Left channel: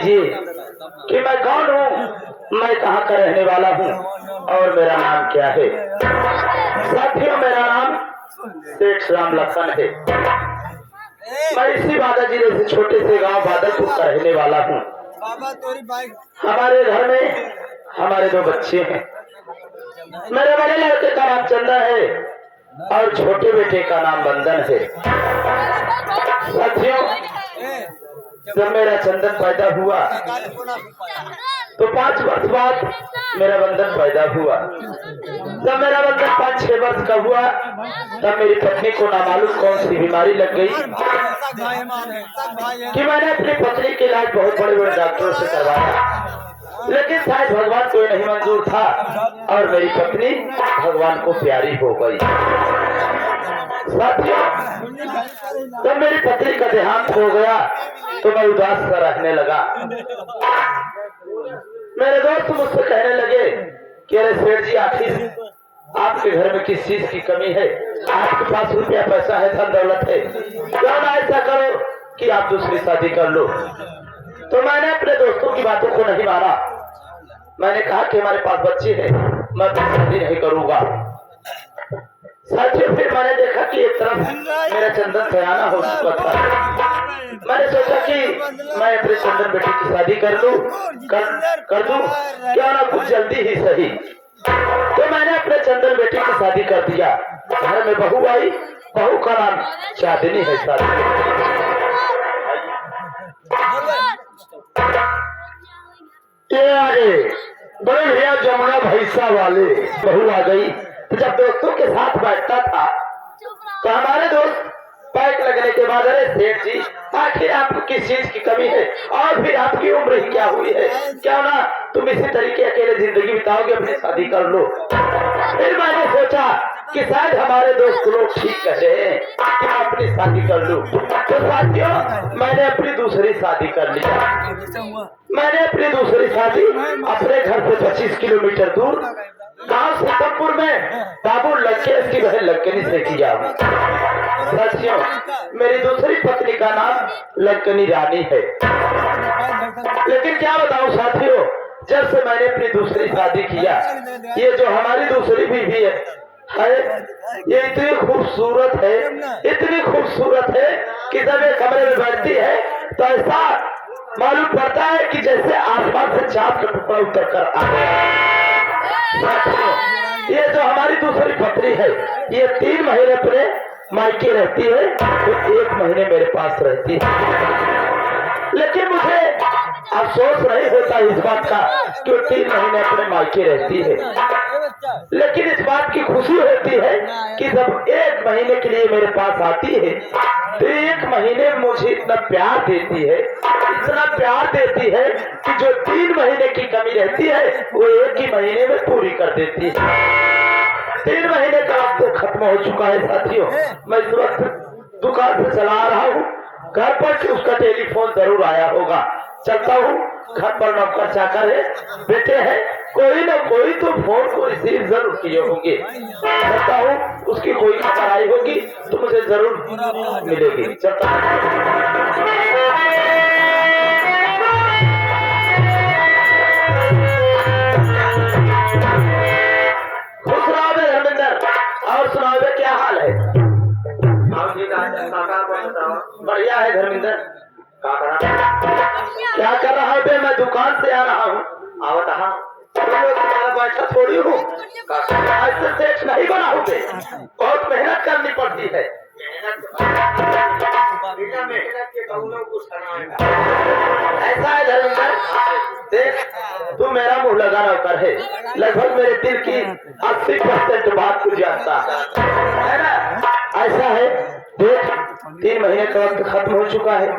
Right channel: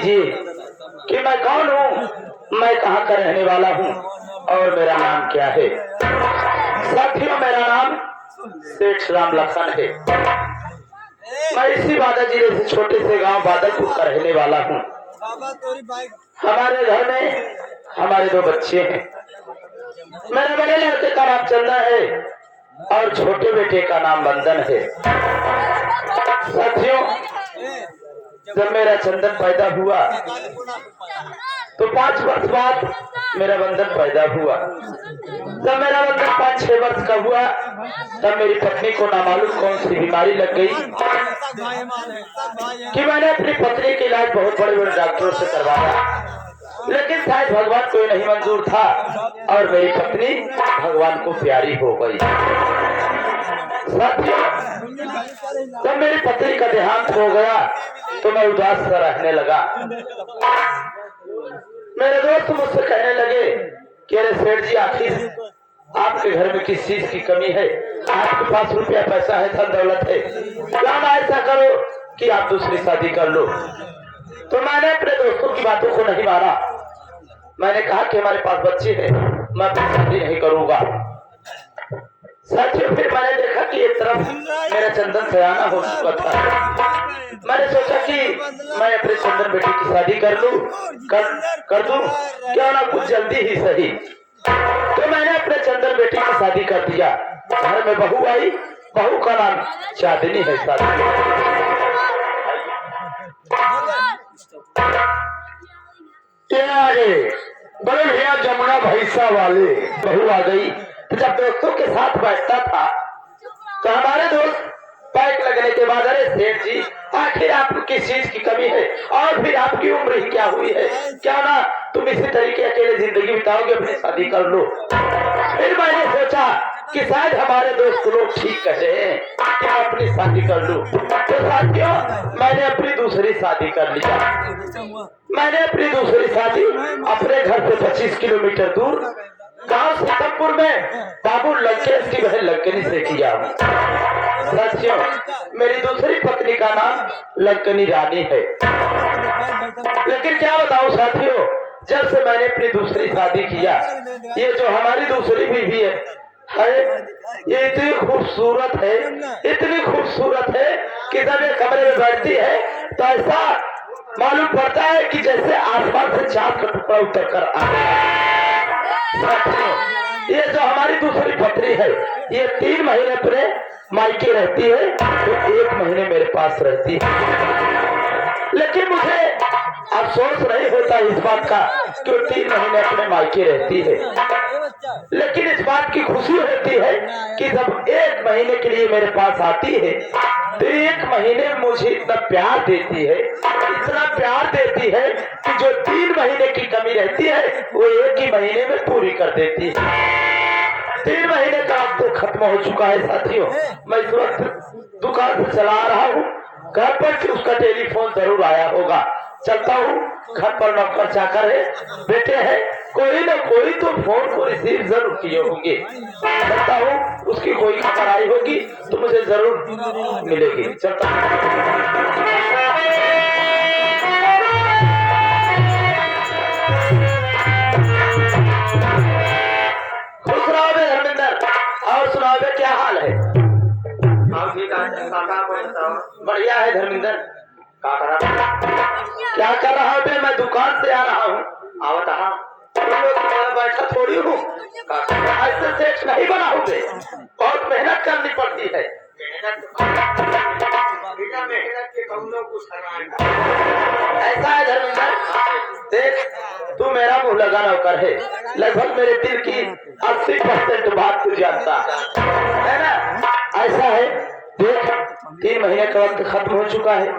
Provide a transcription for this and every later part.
लीजिए कि मैं कौन हूँ, मैं कहाँ का रहने वाला हूँ और मेरा नाम क्या है। साथियों, मेरा नाम सेठ राम लखन है। मैं इसी बादा जिले से छोटे से गांव बादलपुर का रहने वाला हूँ। हमारे घर में हमारे 2 बच्चे हैं। मेरे बड़े लड़के का नाम चंदा है और छोटे बेटे का नाम बंदन है। साथियों, जब मेरा चंदन पैदा हुआ तो 5 वर्ष बाद मेरा बंदन पैदा हुआ। जब मेरा बंदन 5-6 वर्ष का हुआ तब मेरी पत्नी को नामालूम कौन सी बीमारी लग गई कि मैंने अपनी पत्नी के इलाज बहुत बड़े बड़े डॉक्टरों से करवाया, लेकिन शायद भगवान को नहीं मंजूर था और मेरी पत्नी भगवान को प्यारी हो गई। जब मेरी पत्नी का देहांत हो गया तो मैं उदास सा रहने लगा। मेरे दोस्त मुझसे कहने लगे कि अरे सेठ जी, आखिर आपके घर में किस चीज की कमी है? आपके पास रुपया पैसा है, धन दौलत है, क्यों ना ऐसा करो कि आप दूसरी शादी कर लो। तो मैंने अपने दोस्तों की बातों को नहीं माना। मैंने कहा कि हमारे पास बच्चे हैं, मैं शादी नहीं करूंगा। साथियों, फिर मैंने देखा कि एक तरफ मेरा चंदन सयाना हो चुका था। मैंने सोचा कि मैं अपने चंदन बेटी की शादी कर दूं, क्यों ना कुछ जल्दी ही सही। तो मैंने अपने चंदन बेटी की शादी कर दिया। घर में बहू आई, बहू का नाम चांदनी है। ये आ गए बड़े भैया जमुना भैंसा वाले। बहू आ गई तो जब दोस्तों के साथ बैठता था तो हमारे दोस्त पैक लगने के बाद, अरे सेठ जी, आखिर आपको किस चीज की कमी है और फिर आपकी उम्र ही क्या हुई है, क्या ना तुम इसी तरीके अकेले जिंदगी बिताओगे, अपनी शादी कर लो। फिर मैंने सोचा कि शायद हमारे दोस्त लोग ठीक कह रहे हैं, तुम अपनी शादी कर लो। तो साथियों, मैंने अपनी दूसरी शादी कर लिया। मैंने अपनी दूसरी शादी अपने घर से 25 किलोमीटर दूर गांव सतमपुर में बाबू लंकेश की बहन लंकनी से किया। साथियों, मेरी दूसरी पत्नी का नाम लंकनी रानी है। लेकिन क्या बताऊं साथियों, जब से मैंने अपनी दूसरी शादी किया, ये जो हमारी दूसरी बीवी है ये इतनी खूबसूरत है, इतनी खूबसूरत है कि जब ये कमरे में बैठती है तो ऐसा मालूम पड़ता है कि जैसे आसमान से चांद का टुकड़ा उतर कर आया। ये जो हमारी दूसरी पत्नी है, ये 3 महीने अपने मायके रहती है तो 1 महीने मेरे पास रहती है। लेकिन मुझे अफसोस नहीं होता इस बात का कि 3 महीने अपने मायके रहती है, लेकिन इस बात की खुशी होती है कि जब 1 महीने के लिए मेरे पास आती है तो 1 महीने में मुझे इतना प्यार देती है, इतना प्यार देती है कि जो 3 महीने की कमी रहती है वो 1 ही महीने में पूरी कर देती है। 3 महीने का वक्त खत्म हो चुका है साथियों। मैं इस वक्त दुकान से चला रहा हूँ, घर पर उसका टेलीफोन जरूर आया होगा। चलता हूँ, घर पर नौकर चाकर है, बेटे हैं, कोई ना कोई तो फोन को रिसीव जरूर किए होंगे। चलता हूँ, उसकी कोई खबर आई होगी तो मुझे जरूर मिलेगी। चलता खुश रहो धर्मेंद्र। और सुनाओ क्या हाल है? बढ़िया है धर्मेंद्र। क्या कर रहा है? मैं दुकान से आ रहा हूँ। आओ कहा तुम्हारा बैठा थोड़ी हूँ, ऐसे सेठ नहीं बनाओगे, बहुत मेहनत करनी पड़ती है। ऐसा है धर्मेंद्र, देख तू मेरा मुंह लगा नौकर है, लगभग मेरे दिल की 80% बात तू जानता है ना। ऐसा है, देख 3 महीने का वक्त खत्म हो चुका है,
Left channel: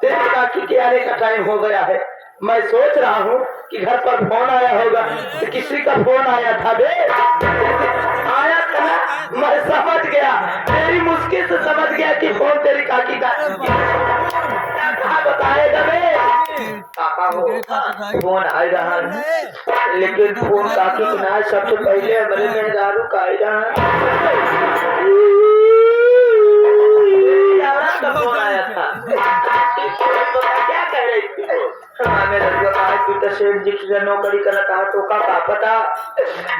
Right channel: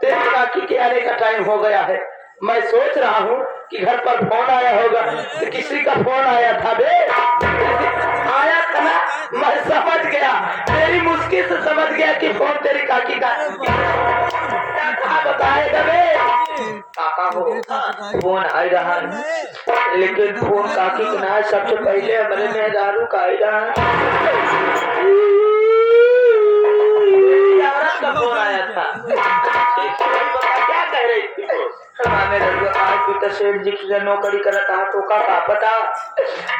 तेरे बाकी के आने का टाइम हो गया है। मैं सोच रहा हूँ कि घर पर फोन आया होगा, तो किसी का फोन आया था बे, आया था ना, मैं समझ गया, तेरी मुश्किल से समझ गया कि फोन तेरी काकी का। बताएगा बे, फोन आ रहा है, लेकिन फोन काकी का ना, सबसे पहले हमारे मेहरारू का आ रहा फोन आया था। क्या कह रही थी वो? तो सेठ जी की नौकरी करता है तो का पता।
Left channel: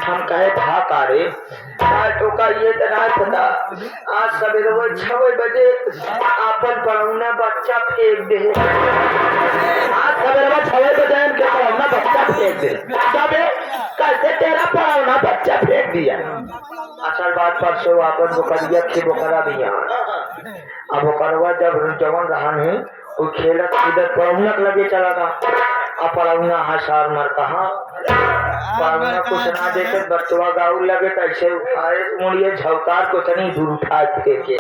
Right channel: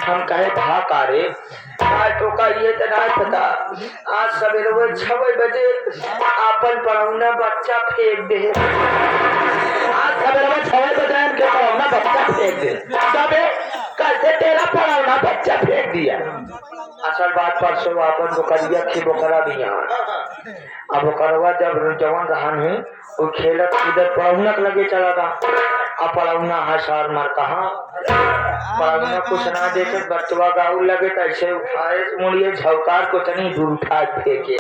हम कहे भाका रे तो का ये तो ना पता। आज सवेरे वो 6 बजे अपन पढ़ाऊना बच्चा फेंक दे। आज सवेरे 6 बजे इनके पढ़ाऊना बच्चा फेंक दे। सबे कैसे तेरा पढ़ाऊना बच्चा फेंक दिया। असल बात परसों अपन बोकरिया थे बोकरा भी यहाँ। अब बोकरवा जब जवान रहा है वो खेलत इधर पढ़ाऊना लगे चला था। अब पढ़ाऊना हसार मर कहा पढ़ाऊना कुछ ना देते बच्चवा गाँव लगे तो ऐसे उठाए मुड़िए झवकार को तनी दूर उठा फेंके।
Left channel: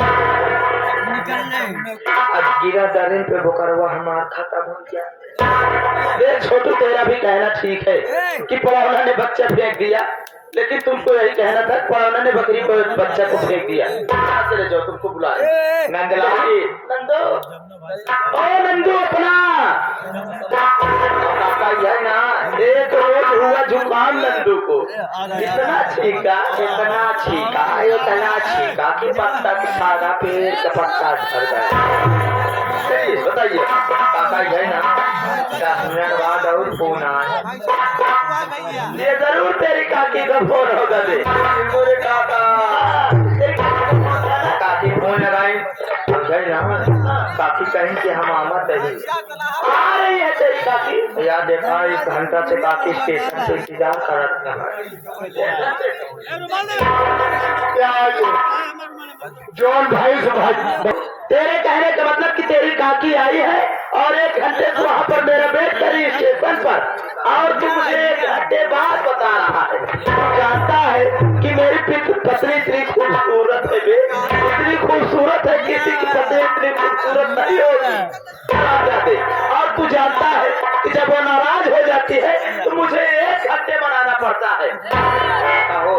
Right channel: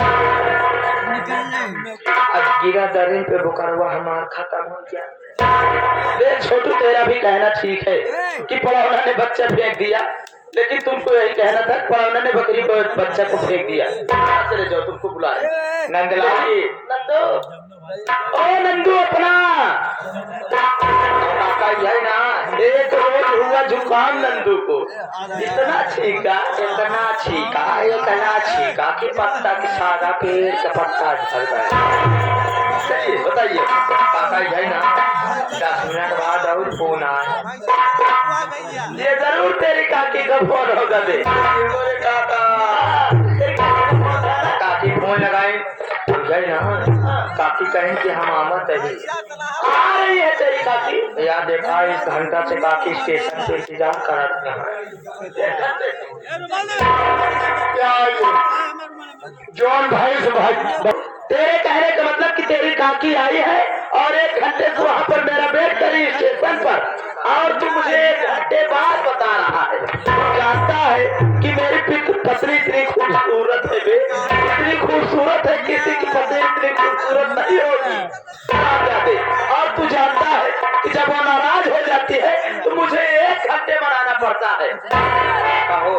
अब गिरा दरिन पे बोकरवा हमार खत्म हो गया। छोटू तेरा भी कहना ठीक है कि पढ़ाऊना ने बच्चा फेंक दिया, लेकिन तुमको यही कहना था पढ़ाऊना ने बकरी को बच्चा को फेंक दिया। चले जाओ तुमको बुला नंदलाल जी। नंदो ओ नंदू अपना है ना एक रोज हुआ जुकाम नंदू को। इतना छीका कि पत्ता के सारा पेड़ का पत्ता झड़ गया। बताइए काका है ना 10 मिनट बाद और फोन आए। ये जरूर तेरी काकी का फोन होगा दे काकी फोन लगाए काकी कहें कि हम आमत है आ रही है तेरी काकी। यार देखा 1 घंटा से काकी स्टेशन से इंतजार करत जॉन भाई तेरे कहने का मतलब कि तेरी काकी आई है और 1 घंटे से वहाँ पर मेरा वेट करी स्टेशन पर और तू मुझे 1 घंटे बाद बता रहा है। जानता है कि मेरी पत्नी इतनी खूबसूरत है इतनी खूबसूरत है किसी की पत्नी इतनी खूबसूरत नहीं होगी। और तू जानता है कि जब वो नाराज हो जाती है तो मुझे 1 घंटे बनाना पड़ता है। कहो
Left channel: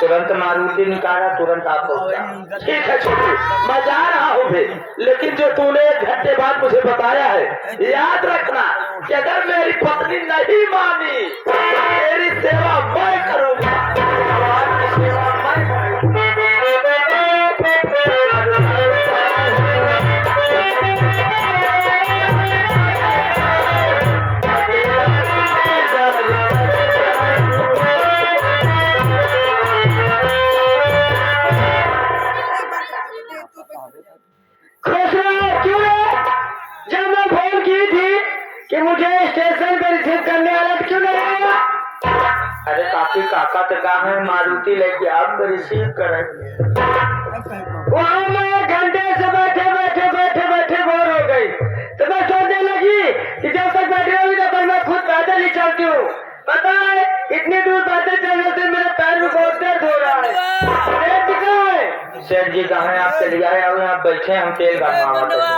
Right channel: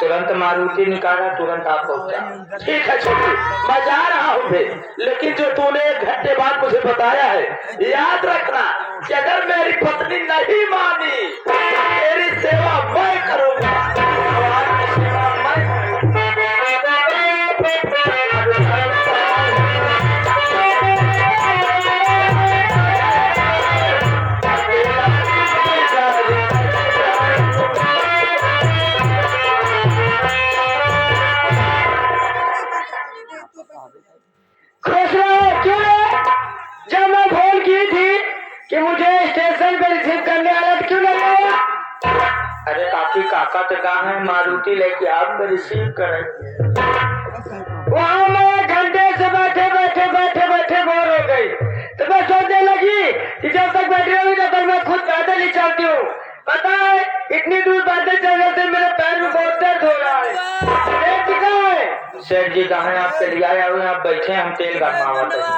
तुरंत मारुति निकाला तुरंत आप हो गया। ठीक है छोटू मैं जा रहा हूँ भी, लेकिन जो तूने 1 घंटे बाद मुझे बताया है याद रखना कि अगर मेरी पत्नी नहीं मानी तेरी सेवा मैं करूँगा। जब मैं फोन की थी कि मुझे स्टेशन पर रिसीव करने वाला क्यों नहीं आया। अरे काकी काका तो कहा है मारुति लेके आप रिसीव करें। वहाँ मैं 1 घंटे से बैठे बोर हो गई तो मैं सोचने लगी कि जब तक बैठी होगी तब तक मैं खुद पैदल ही चलती हूँ। पता है इतनी दूर पैदल चलने से मेरे पैर में बहुत दर्द हो रहा है। सेठ जी कहाँ है आप चलिए आए आप बैठे हम तेल भरवाते हैं।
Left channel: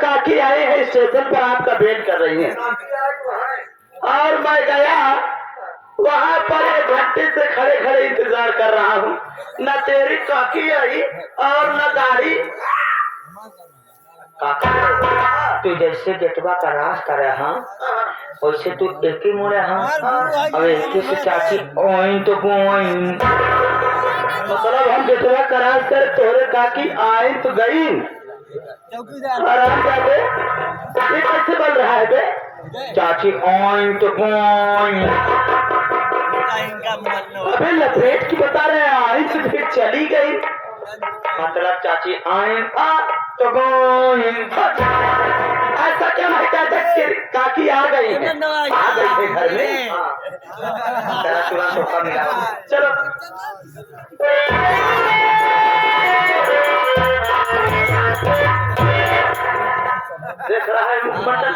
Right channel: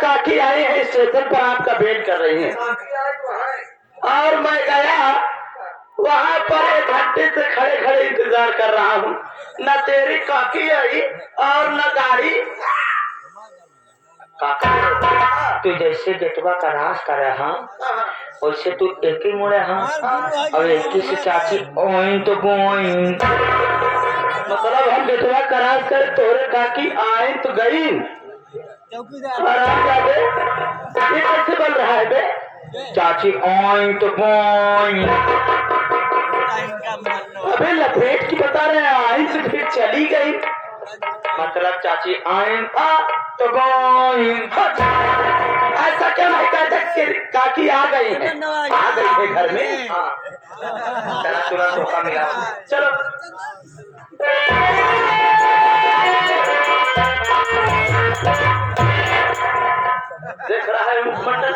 काकी आई है स्टेशन पर आपका वेट कर रही है और मैं गया वहाँ पर 1 घंटे से खड़े इंतजार कर रहा हूँ। न तेरी काकी आई और न गाड़ी। तू जैसे गेटवा का रास कर रहा वैसे तू एक ही मुड़े और एक ही से चाची ओइन तो गोइन मतलब हम गेटवा का रास कर तोरे काकी आई तो गई। ये कैसे बन रहा है बे चाची ओइन तो गोइन। अबे लपेट की बता रहे हैं आई तो फिर चली गई मतलब चाची आइन तो गोइन। ऐसा क्या नहीं कहते काकी आ गई है घर में। तुरंत धोखा मिला। चलो देख रहा है मुखमंडल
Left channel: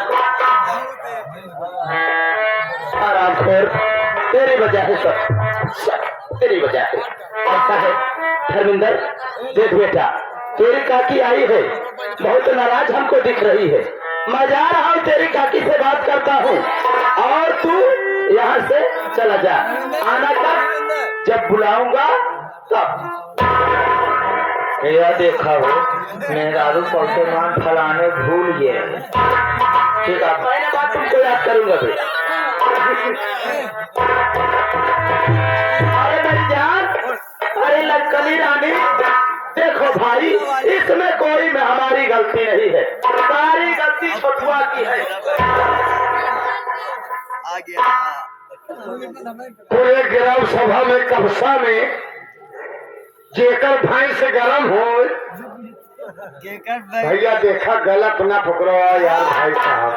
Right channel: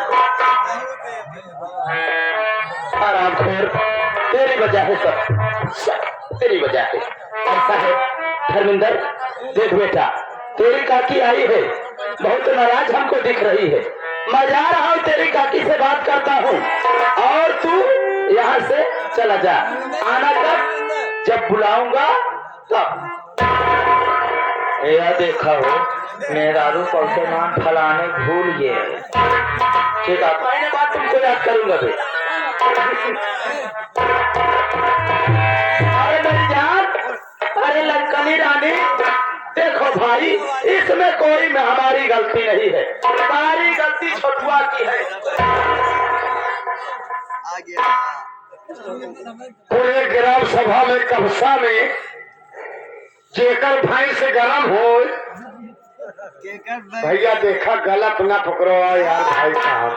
आराम खोर तेरी वजह है सब तेरी वजह है। ऐसा है धर्मेंद्र देख बेटा तेरी काकी आई है बहुत नाराज हमको दिख रही है मैं जा रहा हूँ, तेरी काकी से बात करता हूँ और तू यहाँ से चला जा। आना कब? जब बुलाऊंगा तब। यह देखा हो मेहरारू पौतेमान फलाने भूल गए। ठीक है, मैंने बात तुमको याद करूंगा। अरे मेरी जान, अरे लंकनी रानी, देखो भाई, इसमें कोई में हमारी गलती नहीं है, सारी गलती छोटुआ की है। पूरे ग्राम सभा में कब्जा में जेकर भाई से गलम हो, भैया देखा गलत ना पकड़ो यार भाई साहब,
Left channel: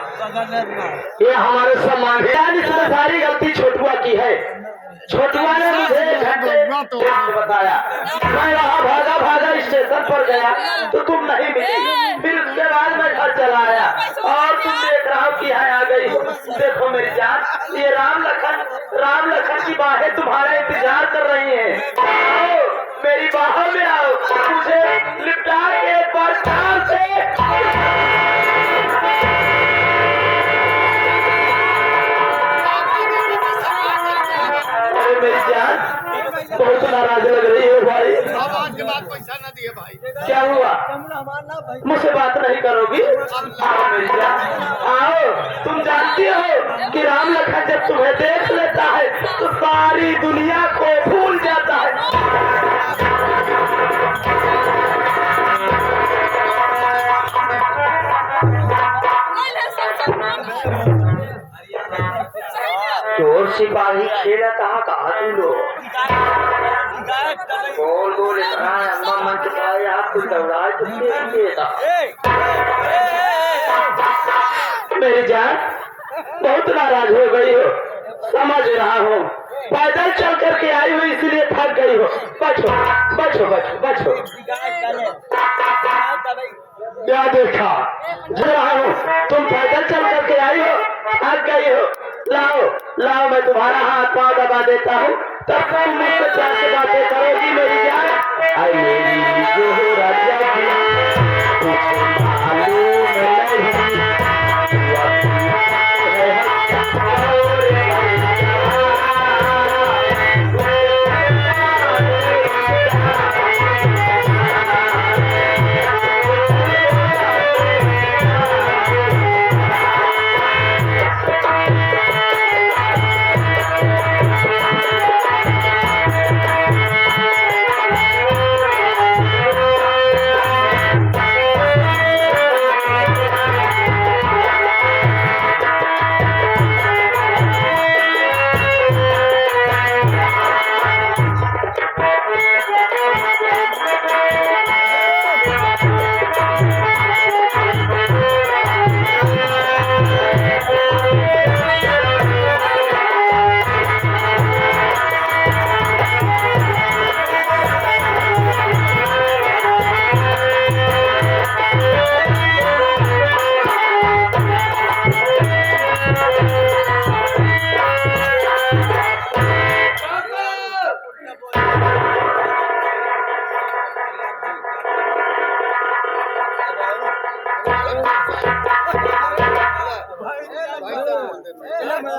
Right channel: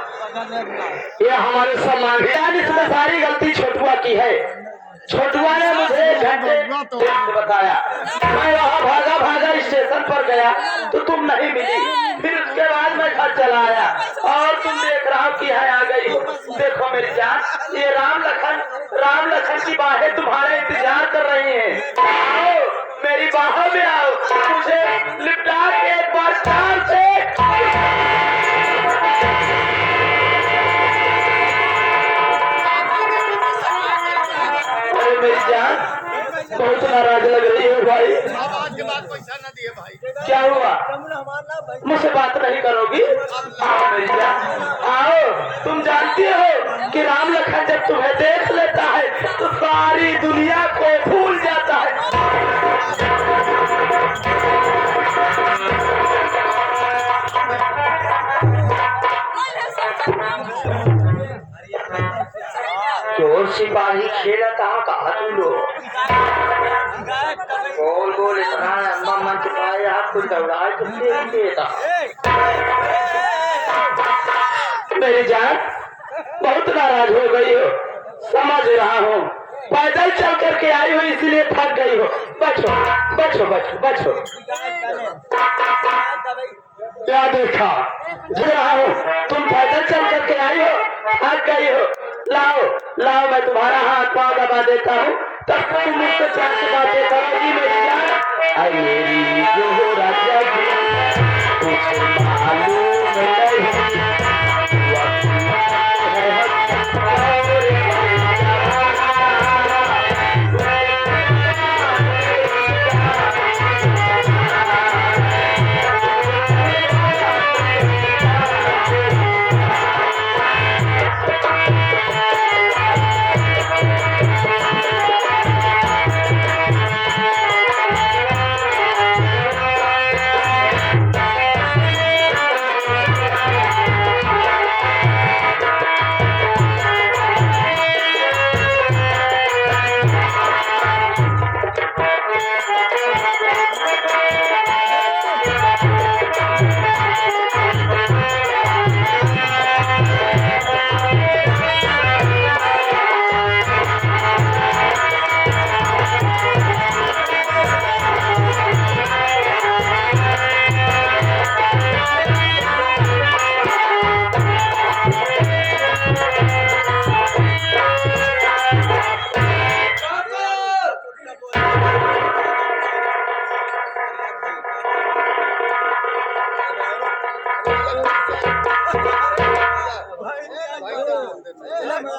ये हमारे सम्मान है। इसमें सारी गलती छोटुआ की है। छोटुआ ने मुझे घंटे बताया, मैं वहाँ भागा भागा स्टेशन पर गया तो तुम नहीं मिली, फिर उसके बाद मैं घर चला आया और तुम देख रहा हो कि यहाँ आ गई हो। देखो मेरी जान, ये राम लखन की बाहें तुम्हारा इंतजार कर रही हैं। आओ मेरी बाहों में आओ, मुझे लिपटा के एक बार प्यार से। मेरी जान बहुत नाराज लग रही है भाई। आज के बाद पैसा न दिए भाई। क्या हुआ? मुझसे बात नहीं करोगी? आओ मेरी जान, आओ। तुम जानती हो कि राम लखन जब तुम्हें देख लेता है तो सारी दुनिया को भूल जाता है। चोर सिपाही खेला कहा तू लोग गोल गोल इतना लंबा मन चुकाया, कुछ दौड़ा तो देता। मेरी जान बहुत नाराज हो गई हो, समझ रहा हूँ। पैदल चल करके आई हो इसलिए थक गई हो। बैठो बैठो बैठो बैठो। क्या देखा रहा हो, तुम पैदल चल करके आई हो, थक गई हो। लाओ लाओ, मैं तुम्हारा हाथ पाँव दबा देता हूँ, तब तुम मुझसे प्यार से बातें करोगी मेरी जान। आई मेरी जो राजा की कुछ मालूम नहीं।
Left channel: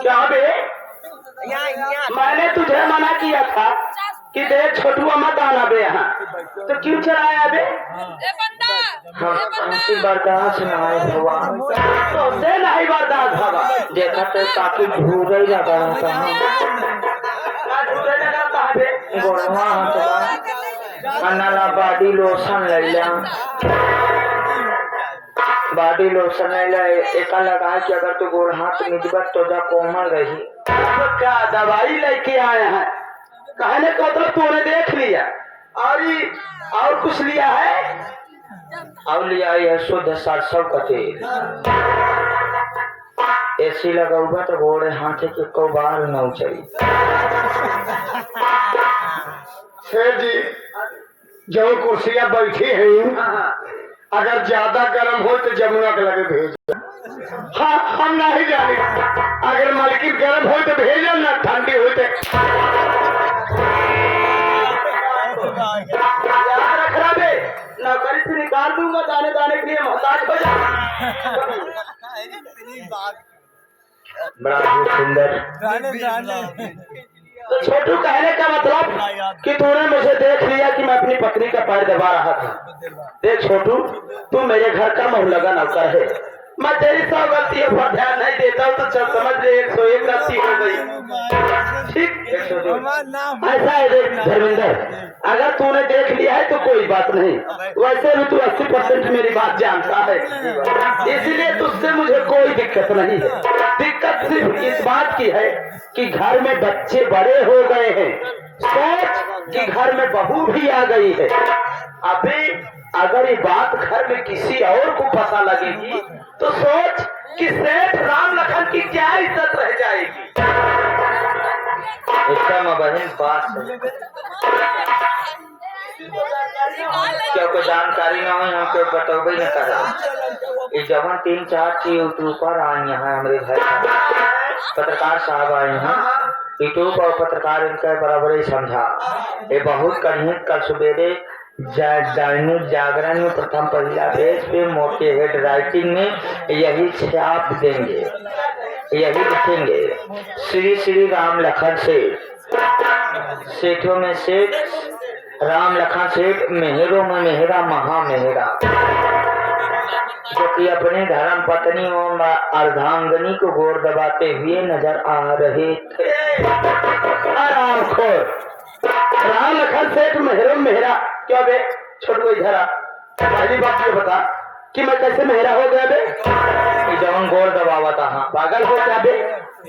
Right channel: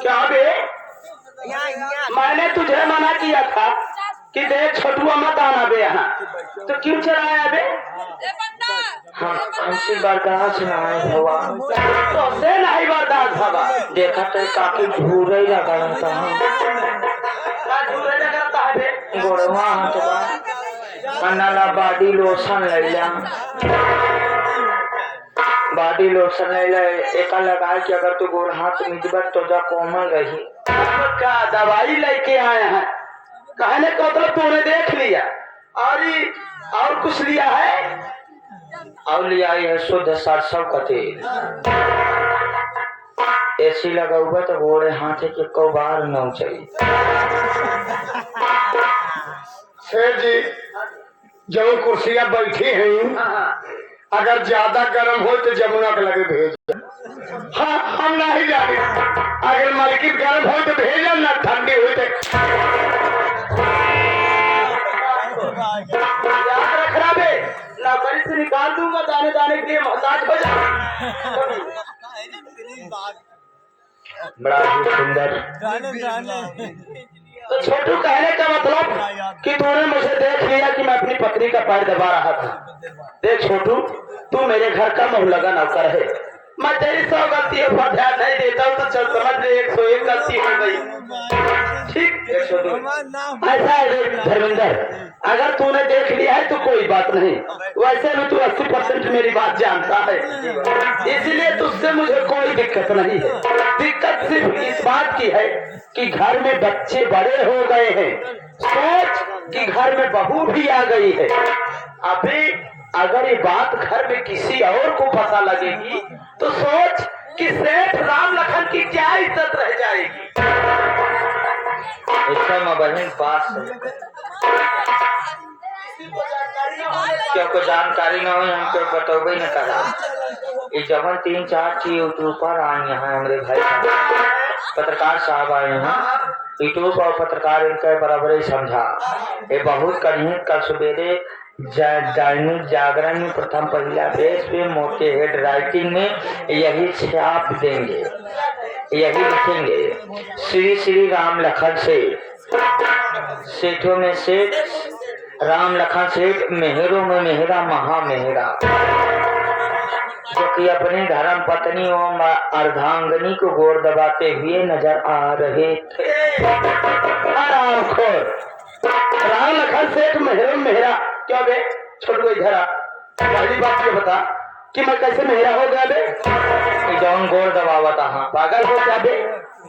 क्या बे? मैंने तुझे मना किया था कि देख छोटुआ मत आना बे यहाँ, तो क्यों चलाया बे? हमसे बर्दाश्त न आए हवा, तो से नहीं बर्दाश्त हवा। देखा तो काफी झूठ ही लगा रहा था। गोड़वा हटवा बॉडी लोशन ले लिया, बॉडी लोशन एक लगाए कि अगर तू गोड़ हाथ मिजबत तो जा कोमल रही। क्या दवाई लेके आए हैं? कहने को तो तूने देख लिया और कुछ लिया है? और लिया है शुद्ध सरसों का तेल। एसी लगा हुआ तो गोड़े हाथ के को बार न चली। शेर जी जो कुर्सियां बैठी हैं, अगर ज्यादा गर्म हो तो जमुना के लगे भेज। हाँ हम नहीं जाने, अगर मलकी गर्म हो तो भेजो, ना ठंडी हो तो रखना बे, ना से निकाल दूंगा, दाने दाने के लिए मोहताज हो जाए। बड़ा ही सुंदर। तो छोटू कहने का मतलब कि तूने मुझे देख लिया कि मैं अपनी पत्नी का पैर दबा रहा था। देख छोटू, तू मेरे घर का मोहल्ला नौकर है, मैं तेरी 100 गलतियों पर ध्यान नहीं देता हूँ, तो चल समझ ले 101 गलती हो गई। ठीक ऐसा है। देख धर्मेंद्र, अगर तूने देख लिया है तो कोई बात नहीं, वैसे भी तू 80% मेरी बात जानता है, इसलिए तुझसे मुझे कोई दिक्कत नहीं है। दिक्कत सिर्फ इस बात की है कि घर में बच्चे बड़े हो गए हैं, सोच कि घर में बहू भी आ गई है। अभी अगर ये बात घर में किसी और को पता लगेगी तो सोच कि सेठ राम लखन की क्या इज्जत रह जाएगी। एकदम बहन पास है, क्या कोई जानकारी न हुई हमको बतौबे न करा। ये जब 3-4 यूट्यूबर आए हैं हमारे घर, पत्रकार साहब आए हैं, यूट्यूब और पत्रकार इनके बराबर ही समझा। ये बहुत कठिन। कल सवेरे दैनिक जागरण में प्रथम पहला पेज पे मोटे हेड राइटिंग में यही छाप देंगे, यही लिखेंगे, श्री श्री राम लखन सेठ, सेठों में सेठ राम लखन सेठ, मेहरों में मेहरा महा मेहरा, जो कि अपने धर्म पत्नी और अर्धांगनी को गोर दबाते हुए नजर आ रहे थे। आराम खोर राम लखन सेठ मेहरों मेहरा क्या बे? छोड़ को इधर आ, पहली बात ये बता कि मैं कैसे मेहरा हो गया बे? जवन गोर दबावा था। पागल हो क्या बे?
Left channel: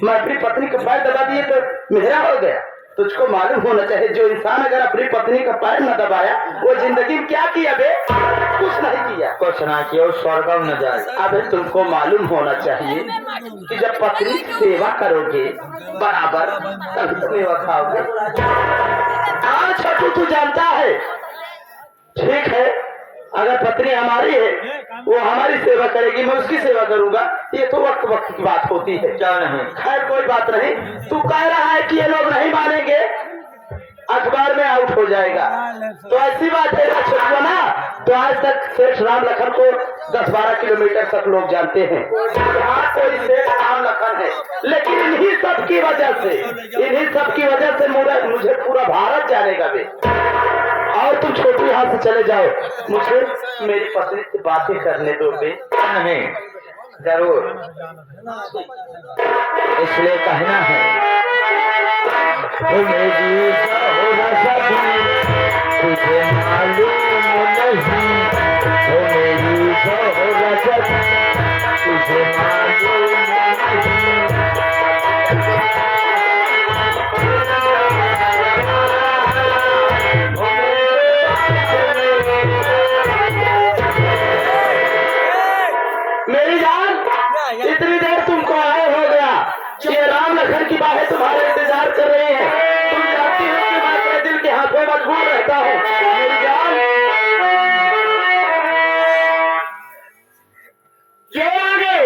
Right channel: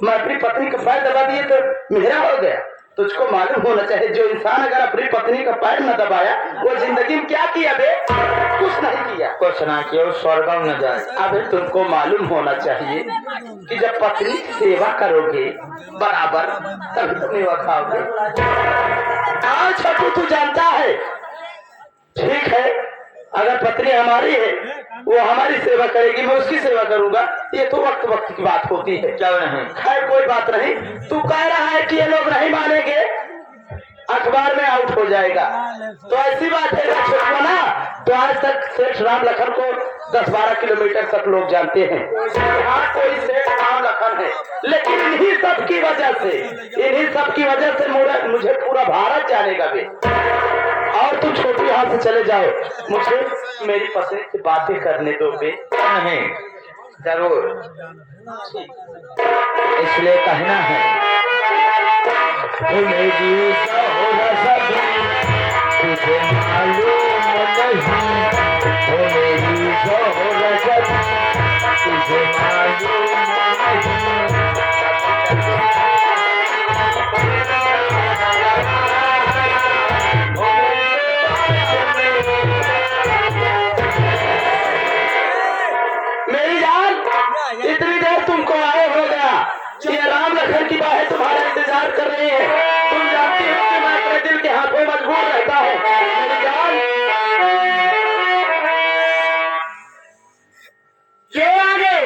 मैं अपनी पत्नी को पैर दबा दिए तो मेहरा हो गया? तुझको मालूम होना चाहिए, जो इंसान अगर अपनी पत्नी का पैर न दबाया वो जिंदगी में क्या किया बे? कुछ नहीं किया, कुछ नहीं किया, स्वर्ग न जाए। अबे तुमको मालूम होना चाहिए कि जब पत्नी की सेवा करोगे बराबर तभी तुम मेवा खाओगे। हाँ छोटू, तू जानता है, ठीक है, अगर पत्नी हमारी है वो हमारी सेवा करेगी, मैं उसकी सेवा करूंगा, ये तो वक्त वक्त की बात होती है। क्या नहीं, खैर कोई बात नहीं। तू कह रहा है कि ये लोग नहीं मानेंगे, अखबार में आउट हो जाएगा, तो ऐसी बात है ना। तो आज तक सेठ राम लखन को 10-12 किलोमीटर तक लोग जानते हैं, यहाँ कोई सेठ राम लखन है, लेकिन इन्हीं सब की वजह से मुझे पूरा भारत जानेगा बे। और तुम छोटू यहाँ से चले जाओ, मुझे मेरी पत्नी से बातें करने दो बे। नहीं जरूर, इसलिए कहना है मेरी तुझे मालूम नहीं, ओ मेरी तुझे मालूम नहीं। मेरी जान, इतनी देर तुमको आया हो गया कि राम लखन की बाहें तुम्हारा इंतजार कर रही है। तुम जानती हो कि मैं अपने दिल के हाथों मजबूर रहता हूँ। मेरी जान, ये आगे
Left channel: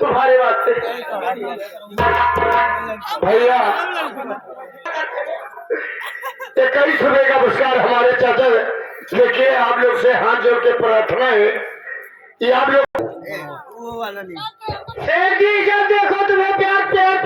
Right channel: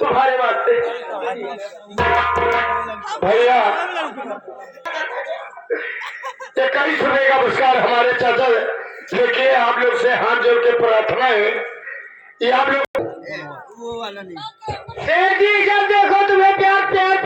तुम्हारे वास्ते भैया कई सुबह का पुरस्कार हमारे चाचा लेके आप लोग से हाथ जोड़ के प्रार्थना है, ये आप लोग जब देखो तुम्हें प्यार प्यार